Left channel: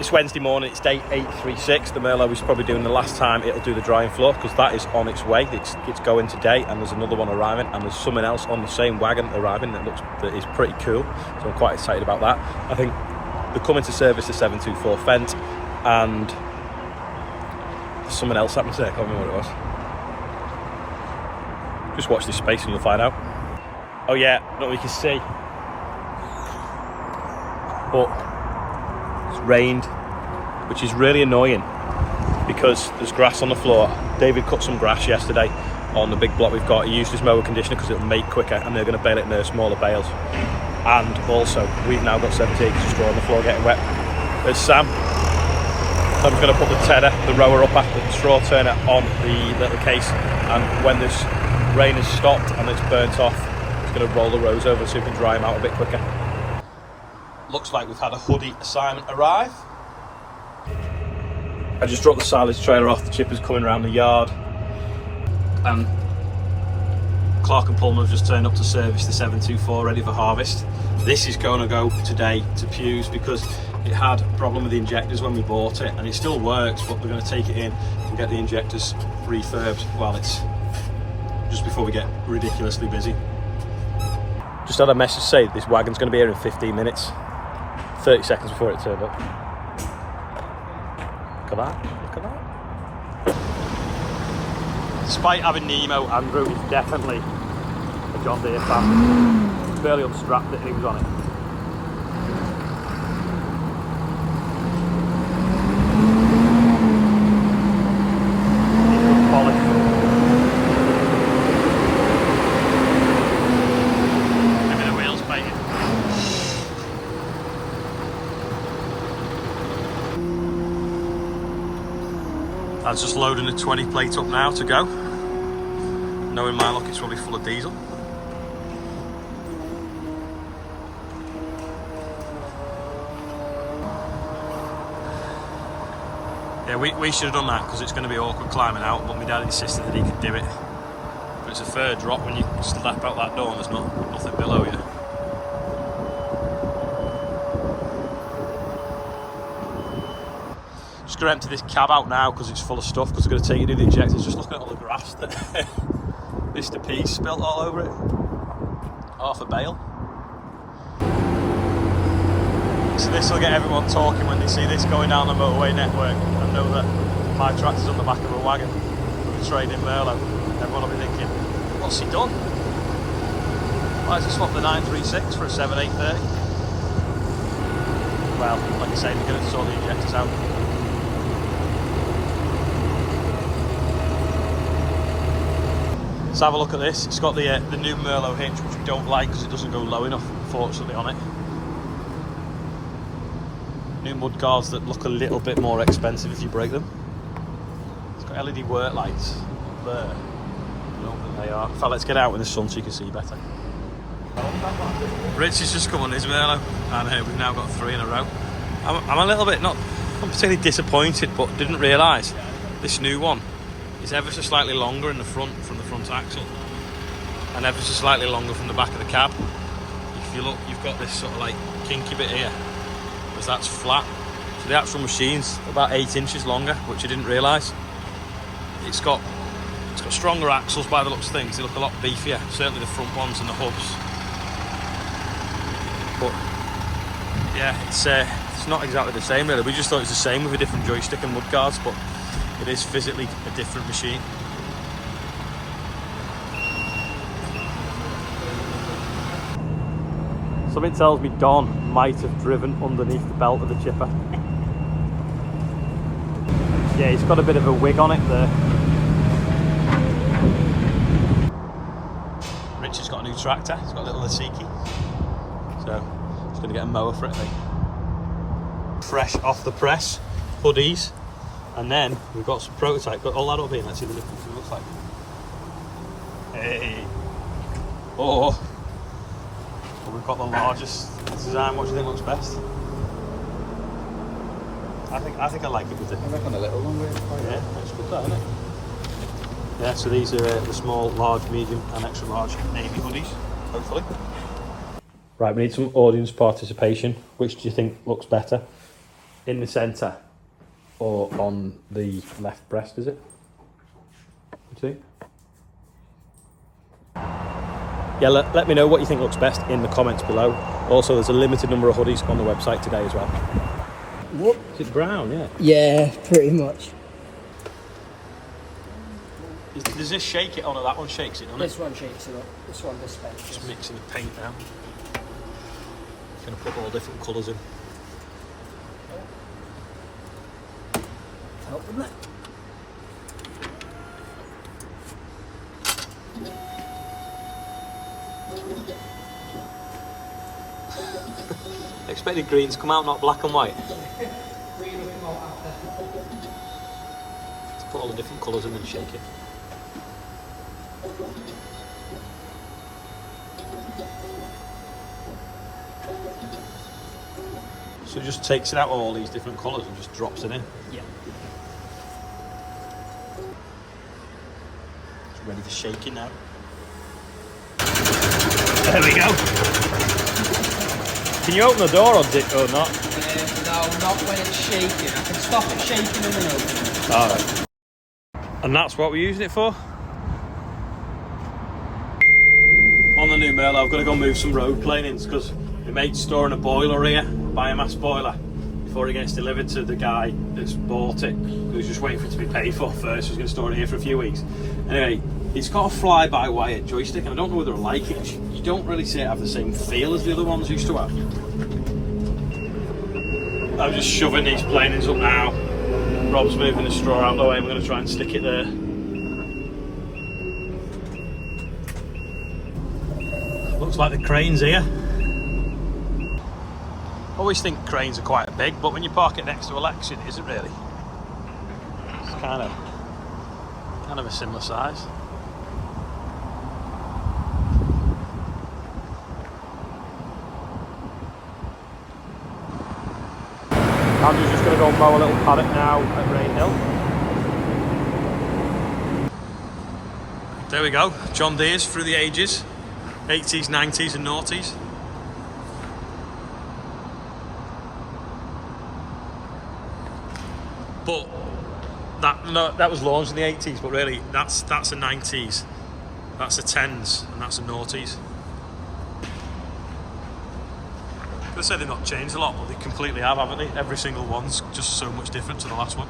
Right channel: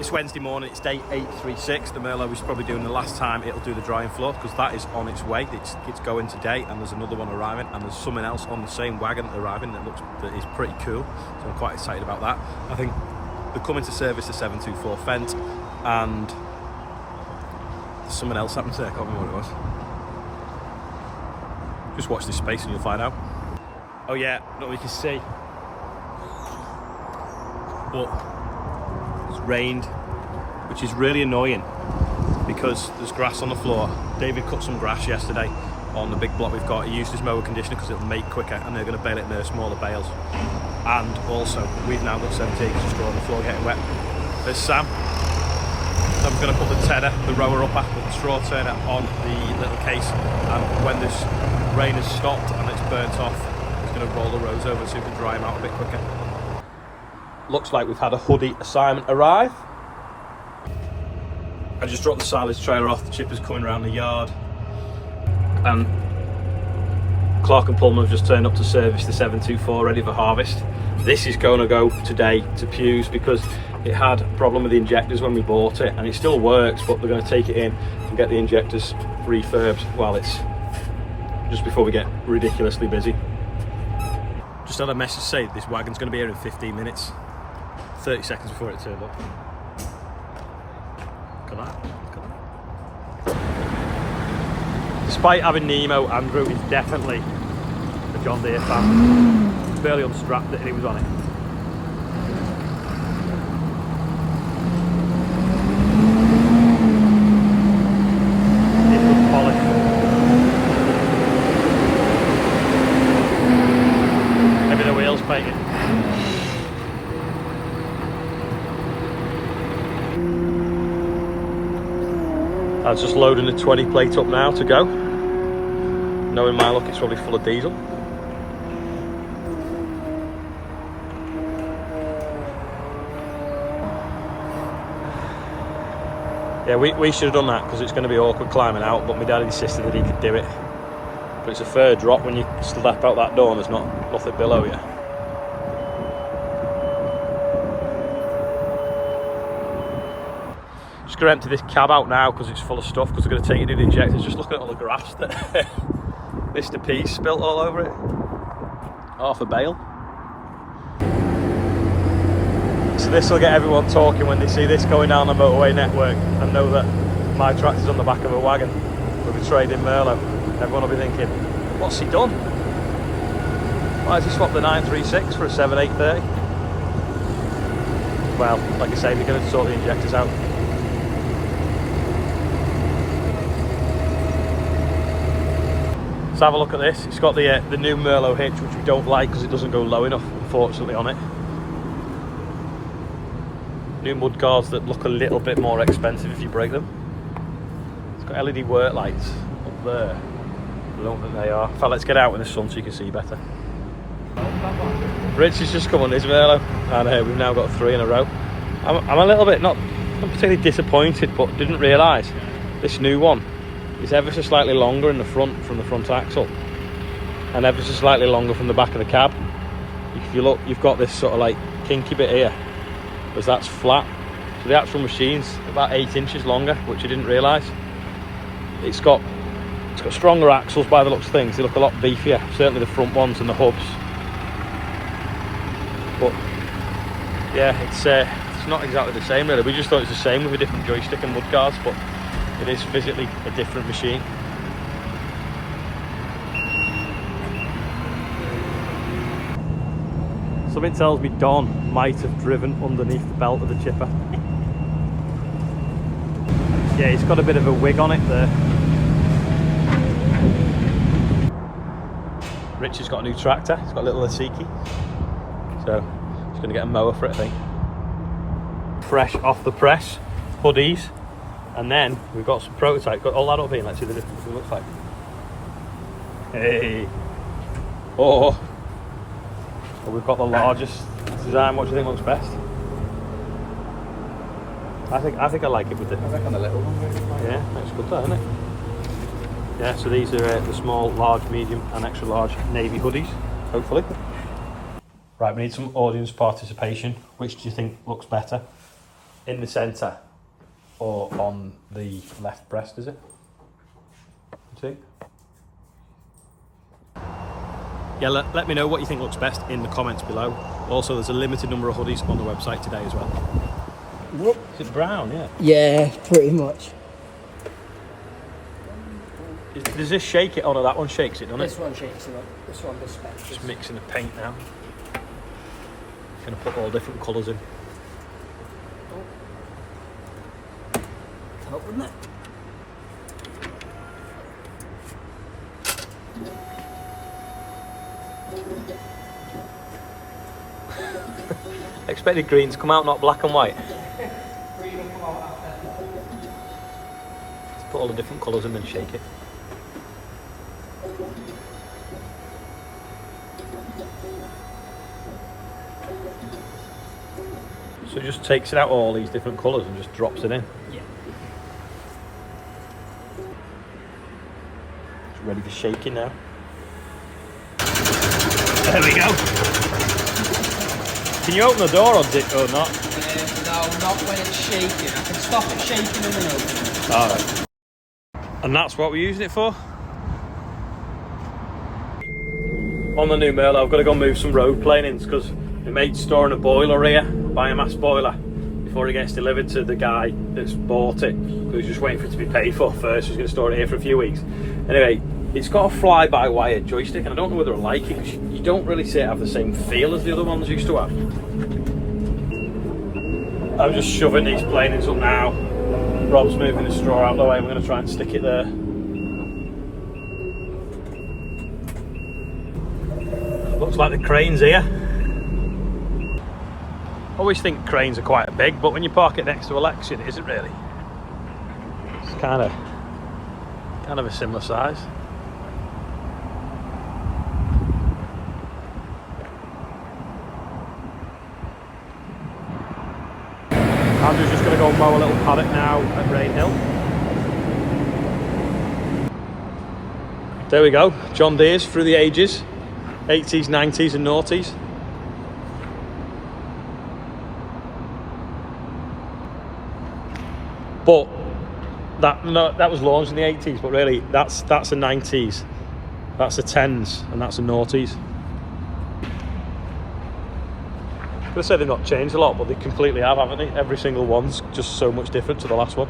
It's Wednesday morning, it's day 836. The Merlot is probably doing the last time it'll do the drying floor, because that is on its way. It's going today, and there's another one arriving, and there's something else on the same wagon arriving that is pretty cool. So I'm quite excited about that. I think they're coming to service the 724 Fendt, and something else happened there. I can't remember what it was. Just watch this space and you'll find out. Oh yeah, not what you can see, but it's rained, which is really annoying because there's grass on the floor. David cut some grass yesterday on the big block we've got. He used his mower conditioner because it'll make quicker, and they're going to bale it in their smaller bales. And also, we've now got 70 acres of straw on the floor getting wet. There's Sam's going to put the tedder, the rower up after the straw turner on the little case, and when this rain has stopped and it's burnt off, it's going to roll the rows over so we can dry them out a bit quicker. Looks like we've had a hoodie assignment arrive. I just dropped the silage trailer off, the chipper's coming around the yard, and Clark and Pullman have just turned up to service the 724 ready for harvest. This is going to go today to Pew's because it had a problem with the injectors when we bought it, and it still works, but we're going to take it in and get the injectors refurbed while it's just before we get ridiculously busy. Just had a message say this wagon's going to be here in 15 minutes, 30 seconds before it turned up. Look at that, look at that. Despite having Nemo, Andrew is definitely a John Deere fan. He's barely unstrapped it and he was on it. Maybe the wheels painted. I was just loading the 20 plate up now to go. Knowing my luck, it's probably full of diesel. Yeah, we should have done that because it's going to be awkward climbing out, but my dad insisted that he could do it. But it's a fair drop when you step out that door and there's nothing below you. Just going to empty this cab out now because it's full of stuff, because we're going to take you to the injectors. Just look at all the grass that Mr. P's spilt all over it. Half a bale. So this will get everyone talking when they see this going down the motorway network and know that my tractor's on the back of a wagon with a trading Merlot. Everyone will be thinking, what's he done? Why has he swapped the 936 for a 7830? Well, like I say, they're going to sort the injectors out. Let's have a look at this. It's got the new Merlot hitch, which we don't like because it doesn't go low enough, unfortunately, on it. New mud guards that look a little bit more expensive if you break them. It's got LED work lights up there. I don't think they are. In fact, let's get out in the sun so you can see better. Rich has just come on his Merlot, and we've now got 3 in a row. I'm a little bit, not particularly disappointed, but didn't realise this new one is ever so slightly longer in the front from the front axle, and ever so slightly longer from the back of the cab. If you look, you've got this sort of like kinky bit here, because that's flat. So the actual machine's about 8 inches longer, which I didn't realise. It's got stronger axles by the looks of things. They look a lot beefier, certainly the front ones and the hubs. But yeah, it's not exactly the same really. We just thought it's the same with a different joystick and mudguards, but it is physically a different machine. Something tells me Don might have driven underneath the belt of the chipper. Yeah, he's got a bit of a wig on it there. Rich has got a new tractor. He's got a little Asiki. So he's going to get a mower for it, I think. Fresh off the press, hoodies. And then we've got some prototype. Got all that up here. Let's see the difference it looks like. Hey. Oh. Well, we've got the largest design. What do you think looks best? I think I like it with it. I reckon a little one really. Yeah, that's good, that, isn't it? Yeah, so these are the small, large, medium and extra large navy hoodies, hopefully. Right, we need some audience participation. Which do you think looks better? in the centre or on the left breast, is it? You see? Yeah, let me know what you think looks best in the comments below. Also, there's a limited number of hoodies on the website today as well. Whoop, is it brown? Yeah. Yeah, pretty much. Does this shake it? Oh no, that one shakes it, doesn't it? This one shakes it up. This one does not. Just mixing the paint now. Gonna put all different colours in. Help, wouldn't it? I expected green to come out, not black and white. Let's put all the different colours in and shake it. So it just takes it out all these different colours and just drops it in. Yeah. Ready for shaking now. There we go. Can you open the door or not? No, not when it's shaking. I can stop it shaking and then open it. Alright. And that's what we're using it for? On the new Merlot, I've got to go move some road planings because my mate's storing a boiler here, biomass boiler, before it gets delivered to the guy that's bought it, who's just waiting for it to be paid for first. He's going to store it here for a few weeks. Anyway, it's got a fly-by-wire joystick, and I don't know whether I like it because you don't really see it have the same feel as the other ones used to have. I'm just shoving these planings up now. Rob's moving the straw out of the way. We're going to try and stick it there. Looks like the crane's here. Always think cranes are quite big, but when you park it next to Alexion, it isn't really. It's kind of a similar size. I'm just going to go mow a little paddock now at Rain Hill. There we go, John Deere's through the ages, 80s, 90s and noughties. But that was launched in the 80s, but really that's the 90s, that's the 10s, and that's the noughties. I'm gonna say they've not changed a lot, but they completely have, haven't they? Every single one's just so much different to the last one.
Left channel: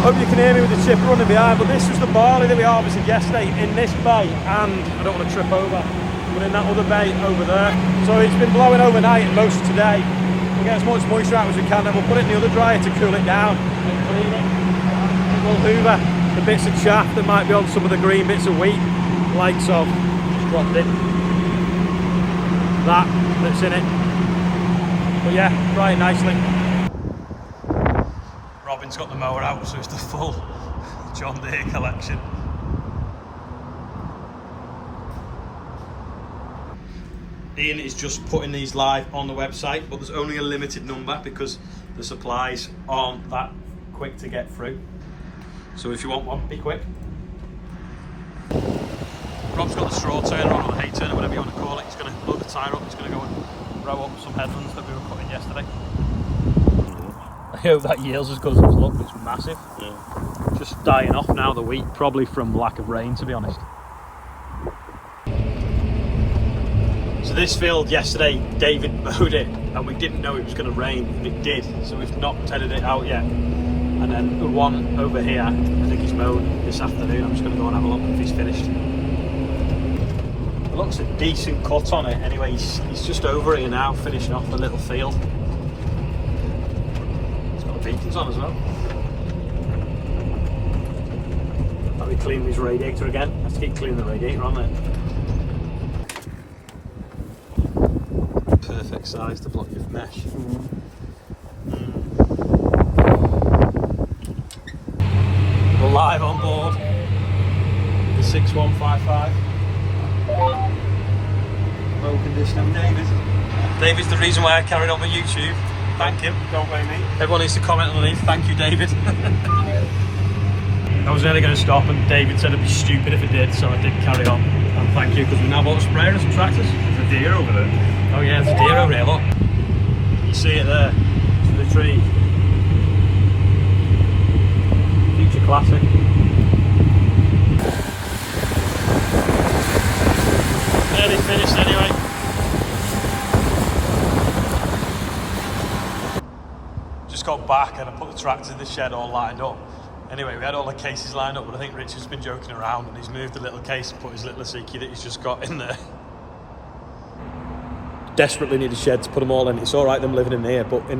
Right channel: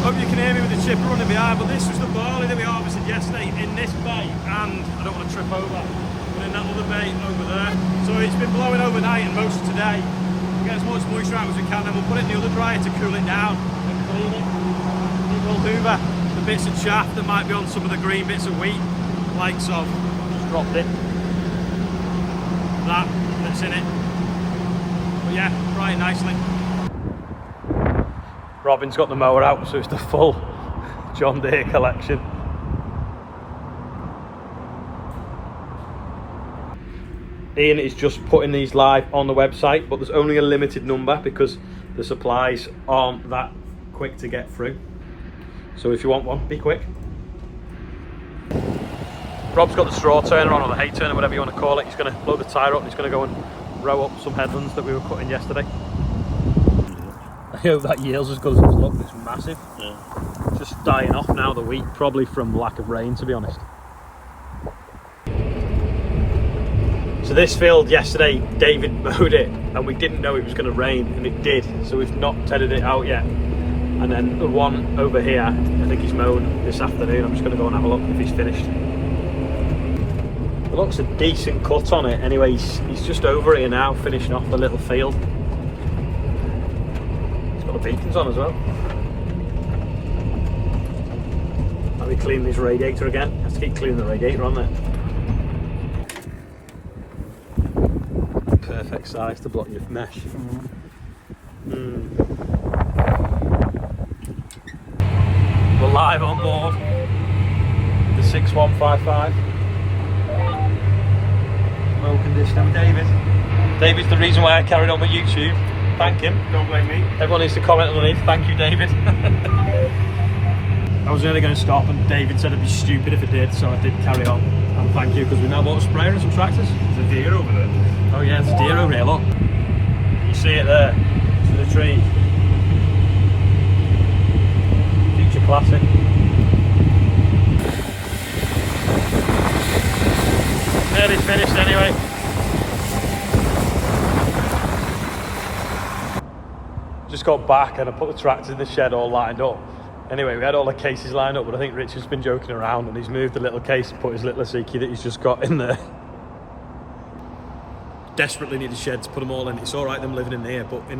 Hope you can hear me with the tipper running behind, but this was the barley that we harvested yesterday in this bay, and I don't want to trip over, but in that other bay over there. So it's been blowing overnight and most of today. We'll get as much moisture out as we can, then we'll put it in the other dryer to cool it down and clean it. We'll hoover the bits of chaff that might be on some of the green bits of wheat, like so. Just dropped it. That's in it. But yeah, drying nicely. Robin's got the mower out, so it's the full John Deere collection. Ian is just putting these live on the website, but there's only a limited number because the supplies aren't that quick to get through. So if you want one, be quick. Rob's got the straw turner on, or the hay turner, whatever you want to call it. He's going to load the tyre up, he's going to go and row up some headlands that we were putting yesterday. I hope that yield's as good as it's looked. It's massive. Yeah. Just dying off now, the wheat, probably from lack of rain, to be honest. So this field yesterday, David mowed it, and we didn't know it was going to rain, and it did. So we've not tedded it out yet. And then the one over here, I think he's mowed this afternoon. I'm just going to go and have a look if he's finished. It looks a decent cut on it. Anyway, he's just over here now, finishing off the little field. He's got the beacons on as well. Let me clean this radiator again. I have to keep cleaning the radiator on there. Perfect size to block your mesh. We're live on board. The 6155. Roll conditioner with David. David's the reason why I carried on with YouTube. Thank him. Don't blame me. Everyone needs to comment underneath. Thank you, David. I was nearly going to stop, and David said it'd be stupid if it did, so I did carry on. And thank you, because we now bought a sprayer and some tractors. There's a deer over there. Oh yeah, there's a deer over here, look. You see it there. Just got back and I put the tractor in the shed all lined up. Anyway, we had all the cases lined up, but I think Richard's been joking around and he's moved the little case and put his little Asiki that he's just got in there. Desperately need a shed to put them all in. It's all right them living in here, but in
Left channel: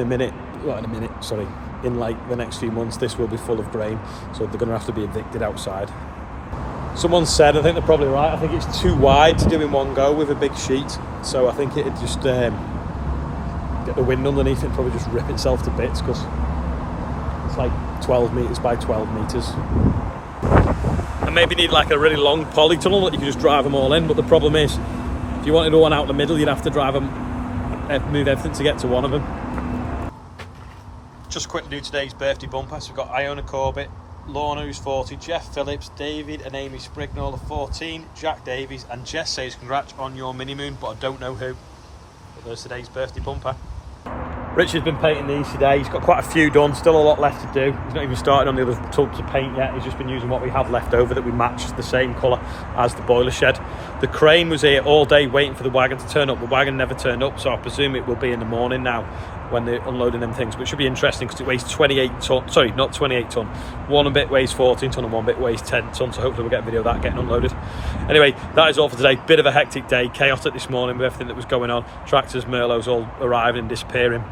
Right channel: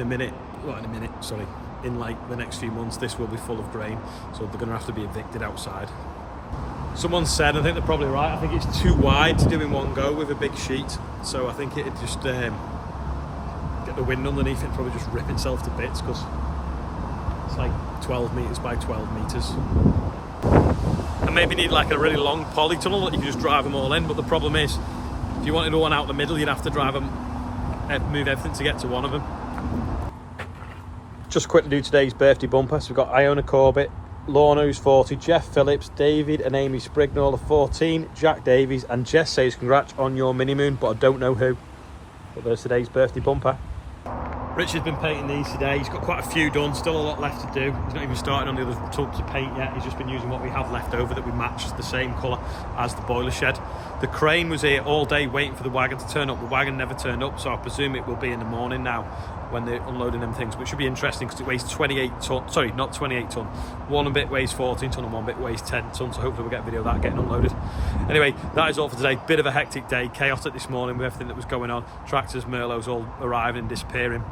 like the next few months, this will be full of grain, so they're going to have to be evicted outside. Someone said, I think they're probably right, I think it's too wide to do in one go with a big sheet, so I think it'd just get the wind underneath it and probably just rip itself to bits, because it's like 12 metres by 12 metres. And maybe need like a really long polytunnel that you can just drive them all in, but the problem is, if you wanted to one out the middle, you'd have to drive them, move everything to get to one of them. Just quickly do today's birthday bumper. So we've got Iona Corbett, Lorna who's 40, Jeff Phillips, David and Amy Sprignall are 14, Jack Davies, and Jess says congrats on your mini moon, but I don't know who. But there's today's birthday bumper. Richard's been painting these today. He's got quite a few done, still a lot left to do. He's not even started on the other tubs of paint yet. He's just been using what we have left over that we match the same colour as the boiler shed. The crane was here all day waiting for the wagon to turn up. The wagon never turned up, so I presume it will be in the morning now when they're unloading them things, which should be interesting because it weighs 28 tonne. Sorry, not 28 tonne. One bit weighs 14 tonne and one bit weighs 10 tonne, so hopefully we'll get a video of that getting unloaded. Anyway, that is all for today. Bit of a hectic day, chaotic this morning with everything that was going on. Tractors, Merlots all arriving and disappearing.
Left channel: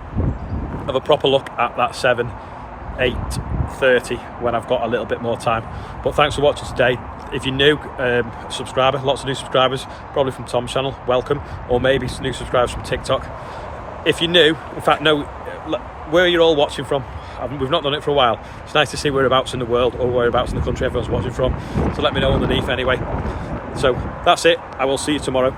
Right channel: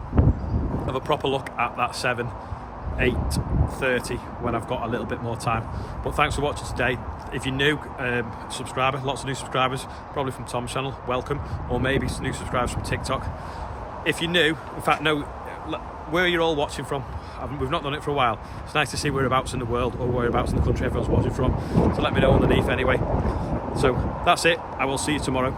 Have a proper look at that 8:30 when I've got a little bit more time. But thanks for watching today. If you're new, subscriber, lots of new subscribers, probably from Tom's channel, welcome, or maybe some new subscribers from TikTok. If you're new, in fact, no, where you're all watching from, we've not done it for a while. It's nice to see whereabouts in the world or whereabouts in the country everyone's watching from. So let me know underneath anyway. So that's it. I will see you tomorrow.